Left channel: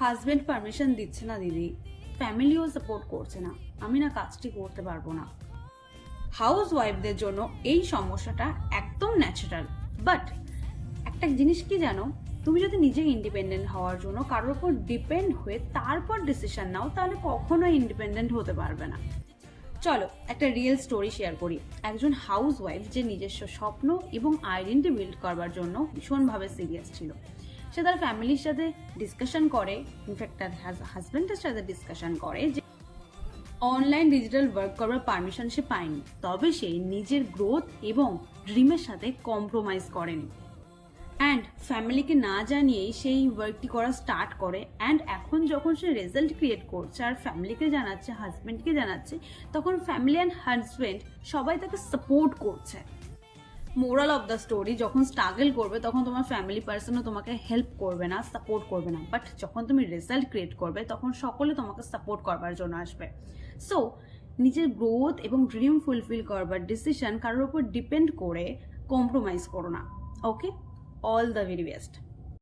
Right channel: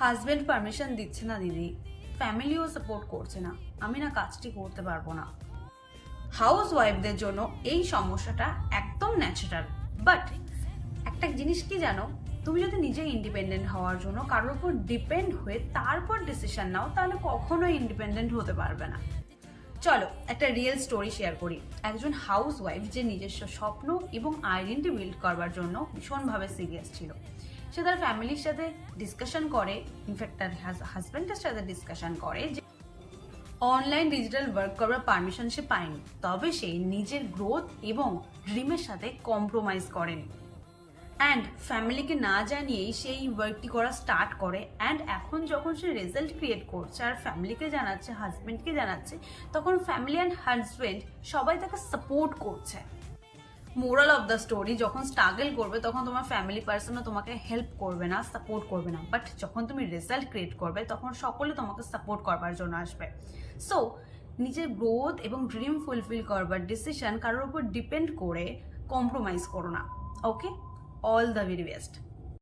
Husband permission দিচ্ছে না দিদি, ফ্যামিলিও সাপোর্ট করছে না, আমি না কাজটি করতে পারবো না। হাউস ওয়াইফদের জন্য এই সমস্যাটা একদম ন্যাচারাল। বাট একটা জিনিস কি জানো, তুমি যদি নিজে ইন্ডিপেন্ডেন্ট হওয়ার জন্য কারোর উপর ডিপেন্ড হয়ে তারপর ডিসিশন নাও, তাহলে কখনোই ইন্ডিপেন্ডেন্ট হতে পারবে না। চলো একটা রিয়েল স্টোরি শেয়ার করি। একজন হাউস ওয়াইফ যে নিজস্ব স্বপ্ন এবং আইডেন্টি বিল্ড করবার জন্য ভীষণভাবে সিরিয়াস ছিল। সে তার ফ্যামিলির সাথে ডিসকাশন করে, ইনফ্যাক্ট তার হাজব্যান্ডের সাথে ডিসকাশন করে যে অনলাইন ডিজিটাল ওয়ার্ক করার পারমিশন সে পায়নি, তবে সে নিজের গ্রোথ এবং ড্রিমের সাথে কম্প্রোমাইজ করেনি। অ্যান্ড ফ্যামিলিকে না জানিয়েই সেই ওয়ার্কটি করা স্টার্ট করে। অ্যান্ড এখন যখন সে রেজাল্ট ক্রিয়েট করছে আর ফ্যামিলিকে জানাচ্ছে, হাজব্যান্ডকে জানাচ্ছে, তখন ফ্যামিলি অ্যান্ড হাজব্যান্ড সবাই তাকে সাপোর্ট করছে। মোরাল অফ দ্য স্টোরি, যখন স্ট্রাগল করবে তখন তোমার ফ্যামিলি পার্সনও তোমাকে হেল্প করবে না, সাপোর্ট করবে না। বাট যখন তুমি রেজাল্ট ক্রিয়েট করবে তখন সকলে তোমাকে সাপোর্ট করবার জন্য আসবে। সো নিজের গ্রোথ এবং ড্রিম ফুলফিল করবার ডিসিশন কারোর উপর ডিপেন্ড করে কম্প্রোমাইজ করো না। ওকে, অল দ্য ভেরি বেস্ট।